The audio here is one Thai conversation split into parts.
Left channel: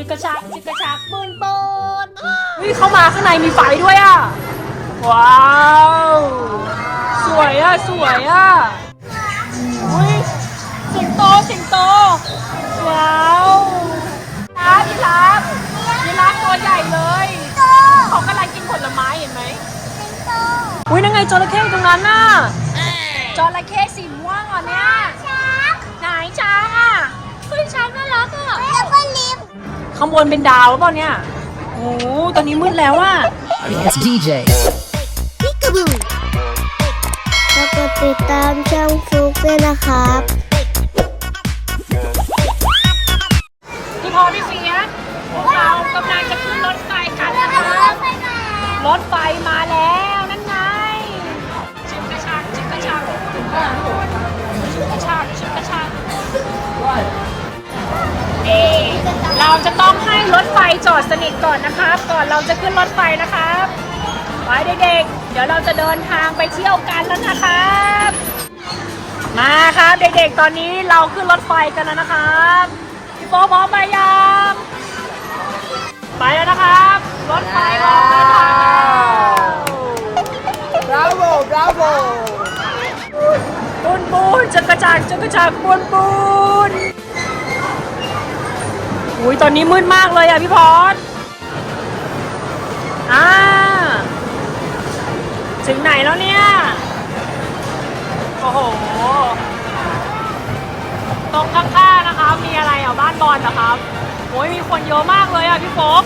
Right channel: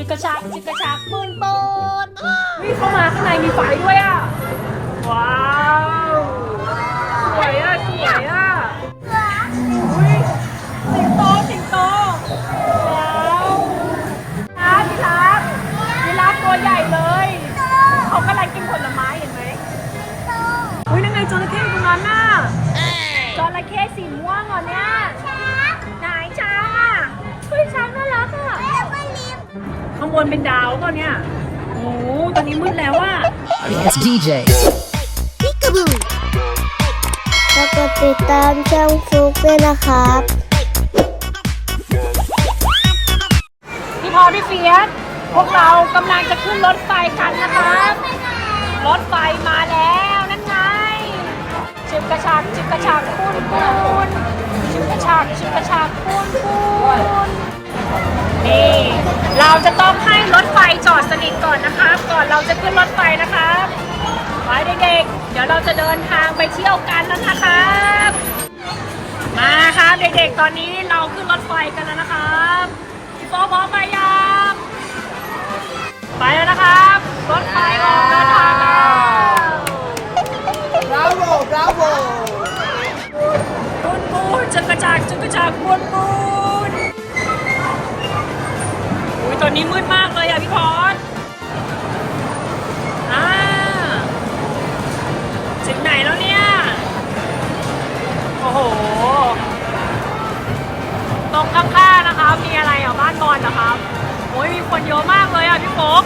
ชุดกระชากชุดกระชากปืนปืนนี่เข้ามาข้างในมีไฟด้วยอะ ว้าว สวยอะ สวยอะอุ้ยสิงโตสิงโตแล้วครับยีราฟยีราฟตัวใหญ่เลย เขากำลังกินผลไม้เห็นไหมอุ้ยนั่นไงจระเข้ตรงนั้นน่ะจระเข้สีม่วงเหรอเนี่ยไหนช้า ข้างบนเป็นดาวหรือเปล่าเนี่ยโอ้โหตอนนี้มืดแล้วอะ It's DJ. พิกาบูแล้วก็ติดตามช่องฟลุกด้วยนะครับ พี่พอพี่เฟียสพวกเรากำลังจะขึ้นรถไฟกันนะคะรถไฟมาแล้วนั่นไงชิบกระชากชิบกระชากพูนพูนชิบกระชากชิบกระชากพูนพูนนี่ เราจะต้องให้รถไฟจอดสนิทก่อนนะคะ ก่อนเราจะขึ้นรถไฟนะคะไปเด็กๆ เดี๋ยวเราจะเดินทางไปเที่ยวกันแล้วนะครับมาครับเด็กๆ ตอนนี้เราขึ้นรถไฟกันแล้วนะครับพี่โป๊พร้อมไปยังไปแล้วนะครับ รถไฟออกเดินทางแล้ว Bravo, bravo. ปูนปูนจะกระจายจะกระจายปูนปูน อุ้ยตอนนี้มืดมากเลยอะพี่พอสอ่าถึงไหนแล้วเนี่ย โอ้โห ตรงข้างๆนะคะ มีอะไรอะบ้านบอลเหรอครับโอ้ยมีคนเยอะมากเลยอะพี่โป๊ก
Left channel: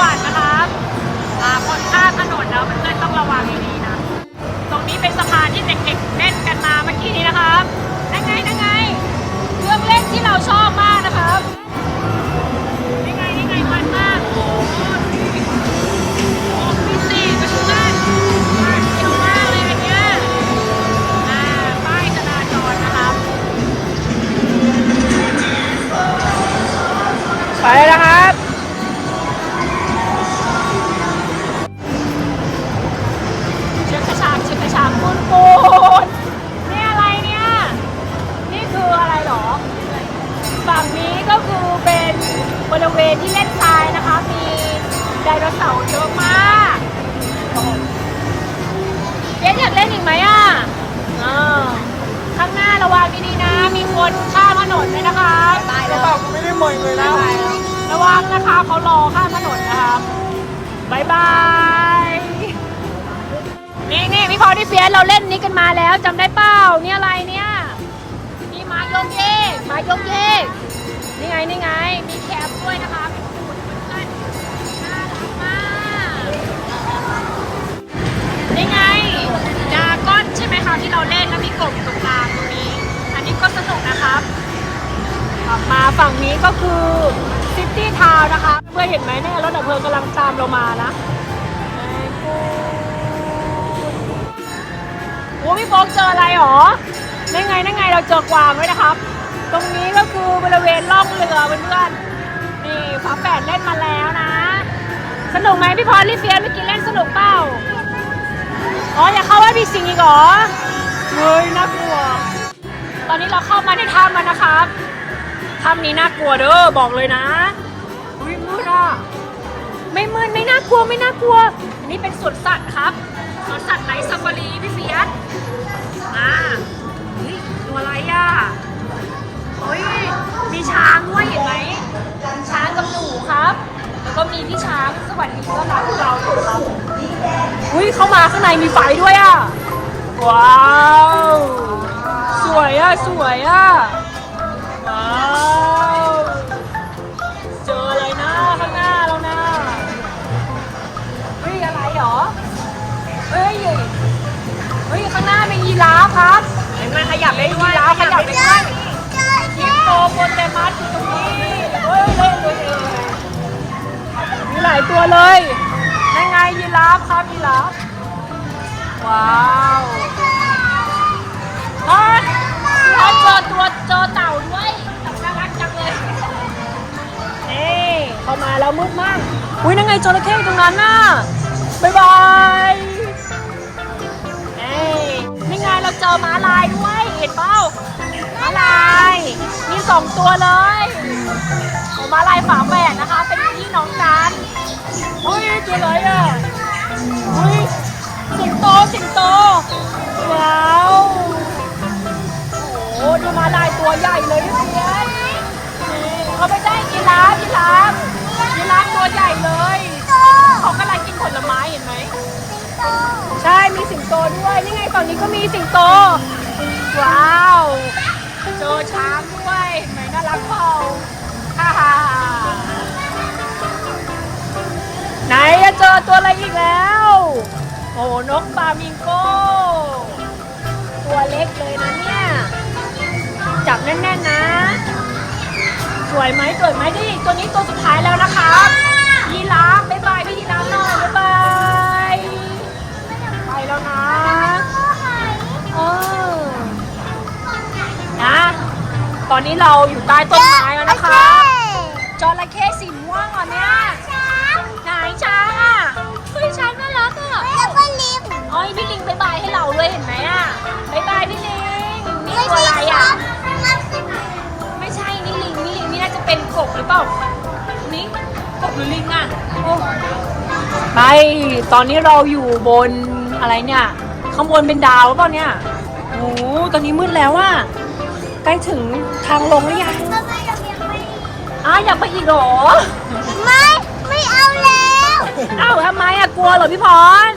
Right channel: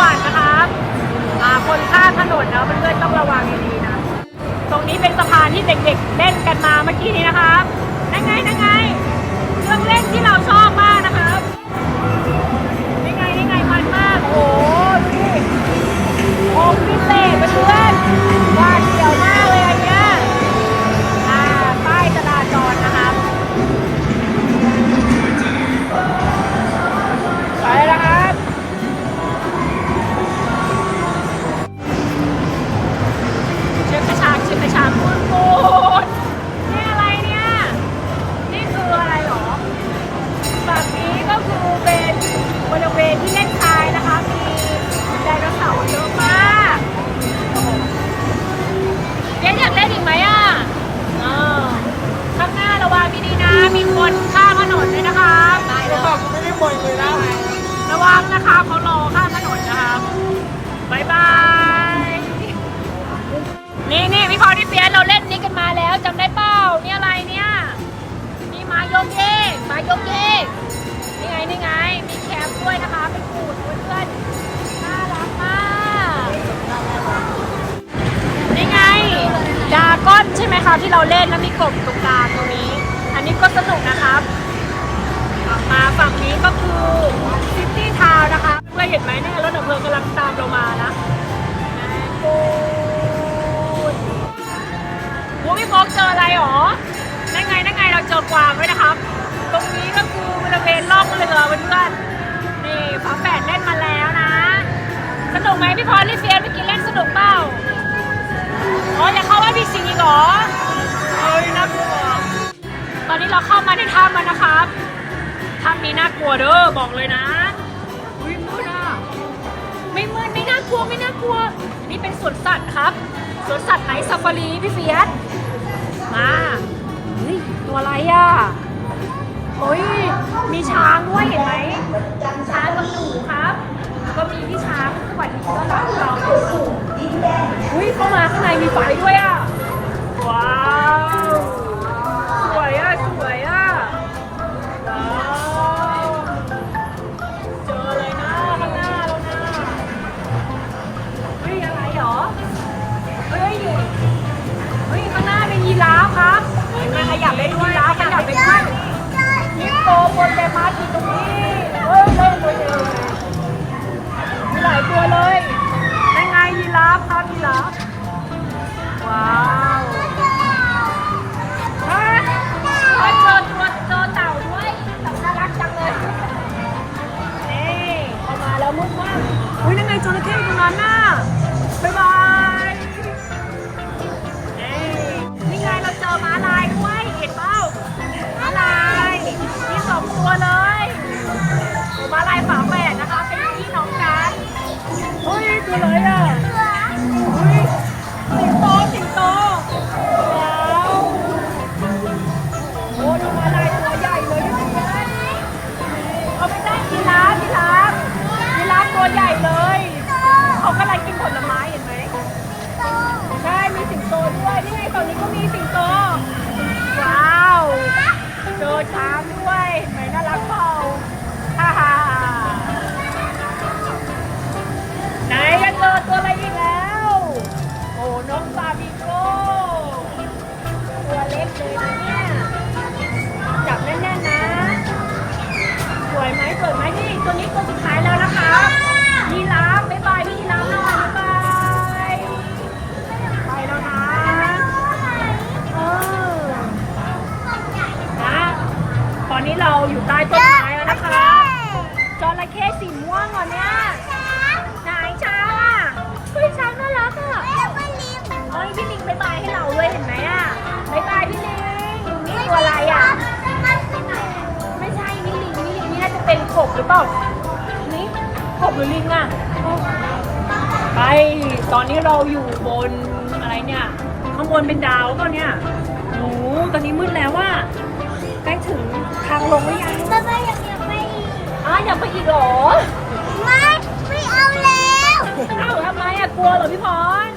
วรรค์นะครับอ่าคนข้ามถนนนะเพื่อนๆต้องระวังดีๆนะ ตรงนี้เป็นสะพานที่เด็กๆเล่นกันมาเมื่อกี้นี้นะครับนั่งไงนั่งไงเครื่องเล่น นะคะเขารอข้ามถนนนะครับบายบายนี่นี่พี่พอที่เฟียสเราเล่นนี้กันมาแล้วจำได้เปล่านี่อะไรเนี่ยมีไม้โยกเยกม้โยกเยกนี่ไงนี่ไงมีแคมด้วยนะคะ เป็นปูดเพื่อนๆน่ารักมากนี่ไงดาก้อนใช่ไหมครับที่เราเล่นแล้วมีกบตรงกลางตรงนี้ อันนี้ก็สนุกนะครับมาฝั่งนี้ก็คือ ซิตี้ทาวนะคะเพื่อนเห็นไหมนั่นรถดับเพลิงกำลังตามเรามานะโอ้พี่โฟกเจออะไรหรอนั่นไงนั่นไงเราเจอกวางด้วยนะครับ ตรงนี้ก็คือบริเวณล่องเรือเพื่อนๆนี่ฝาแฝดเล่นมาแล้วนะ สนุกไหมพี่พรรีบเฟียนเมื่อกี้เล่นสนุกเปล่าอ๋ออยากเข้าว่าพีซีเหรอเฮ้ยน่ากลัวตอนนี้เราเข้ามาในถ้ำแล้วนะครับถ้ำนี้น่ากลัวเด้อบอกเลยนะ ไม่มืดไม่น่ากลัวไม่น่ากลัว นี่เป็นสวนสัตว์ครับสวนสัตว์ไหนซาฟารีพี่เฟียสมานี่ตัวอะไรอะโอ้ยมีช้างด้วยเห็นไหมช้างกับหนูครับก็มีพี่ช้างสวัสดีต้อนรับเราอยู่ครับอุ้ยเข้ามาข้างในมีไฟด้วยอะว้าว สวยอะ สวยอะว้าว มีสองตัวเลยโอมาลายฝาแฝดนะคะ เป็นพี่น้องกันเฮ้ยตัวอะไรอะ เจอช้างด้วยเห็นไหมน่ารักเปล่าฮ่าฮ่าไหนจะเจอตัวอะไรอีกแล้ว โอ้นกฟามิงโกตัวเล็กเลยนะเนี่ย จับแน่นๆนะ สวยไหมสวยไหมนี่ตัวนี้ตัวสุดท้าย เราอยู่ใต้ต้นไม้แล้วนะคะจระเข้สีม่วงเหรอเนี่ยไหนช้างอะเฮ้ยช้างน่ารักอะแล้วก็ลิฟต์อ๋อพี่ลิงบ๊ายบายให้เราด้วยเห็นไหมอะบ๊ายบายพี่ลิงนี่ตัวอะไรอะมันคือหมูไม่ใช่นี่ลิงนี่ลิงนี่น่าจะเป็นกบหรือเปล่านี่กบหรือลิงอะโอ้ไปตอนนี้เราอยู่บนอะไรเนี่ยข้างบนเป็นดาวหรือเปล่าเนี่ยโอ้โหตอนนี้มืดแล้วอะใกล้ ถึงทางลงแล้วยังแล้วก็ยังยังไม่ อ้าอยากไปอีกเหรอ ไม่ ไม่เอาแล้ว เอ้าทำไมอะกลัวเหรอพี่พร